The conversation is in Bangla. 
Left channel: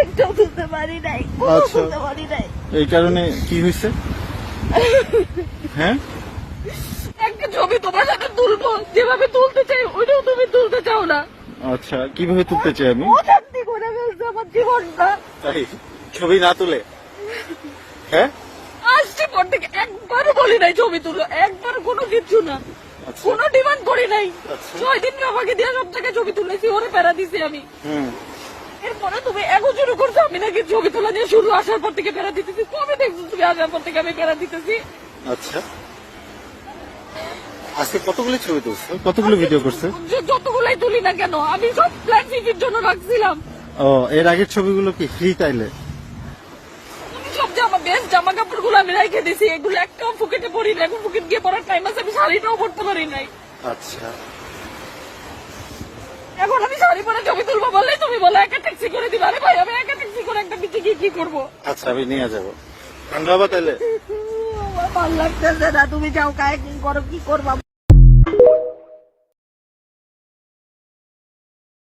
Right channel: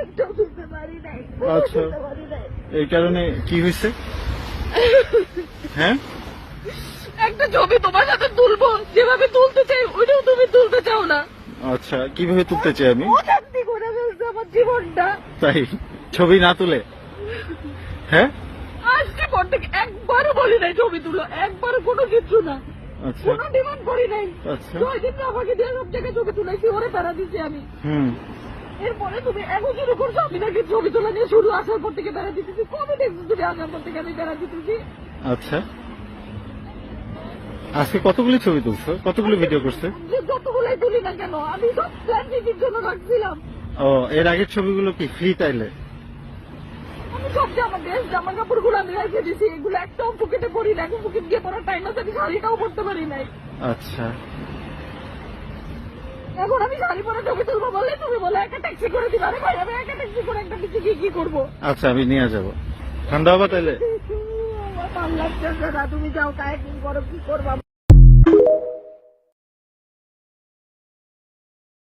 একটাও তুলতে পারি নাই, আচ্ছা। তুলতে পারি নাই। এই কারণে কি হয়েছে? হ্যাঁ, একটা ছবি তোমার সাথে তুলবো, যেভাবে তুলতে চাই ওইটাও তুমি তুলতে চাও না। আচ্ছা, কিভাবে তুলতে চাই আমি? অশান্তি করে ফেলছে আমার জীবনটা। তাই ছবি না তুলে? হ্যাঁ, আসছে পর থেকে একবারও বলি নাই ছবি তুলো, একবারও কোনো কিছু না, আচ্ছা কোনো ডিমান্ড করি নাই। আচ্ছা 6 দিন আমাকে দিয়ে সব জায়গায় ছবি তুলেছি, ওরে প্যারা দিছি আমি। হুম। এরপরে তুমি এখন শুরু করছো আমি নাকি ছবি তোলা নিয়ে শুরু, আসার পর থেকে প্যারা দিতেছি। কবে দেখছো তুমি আসার পর থেকে আমি প্যারা দিতেছি? আচ্ছা, আজকে কতগুলো ছবি তুলছো, কতগুলো ভিডিও করছো? যতগুলাই তুলি না কেন আমি সব ফ্ল্যাট ফিটির জন্য রাখছিলাম। ও, এর আগের ছবিগুলো কি ফ্রি তাইলে? আমি সব বেস্ট জামা কাপড় গুলো আমি রেখে দিছি, এগুলো একটাও ফুকেটে পরি না। এখন ফুকেট গিয়ে পরার টাইম আছে, আমি শাড়িটাও পরতে পারি নাই। আচ্ছা, এখন আমি শাড়ি পরে ছবি তুলবো বললে তুমি বলো একা ট্যাক্সি করে দিবা। আরে ভাই আমি একা ট্যাক্সি করে একটা বিচে গিয়ে কি করবো? আচ্ছা আমি নিয়ে যাবো। ঠান্ডা হবা তাইলে? আমার ভালো লাগতেছে না, তুমি যাও কাজ করো, কি করবা?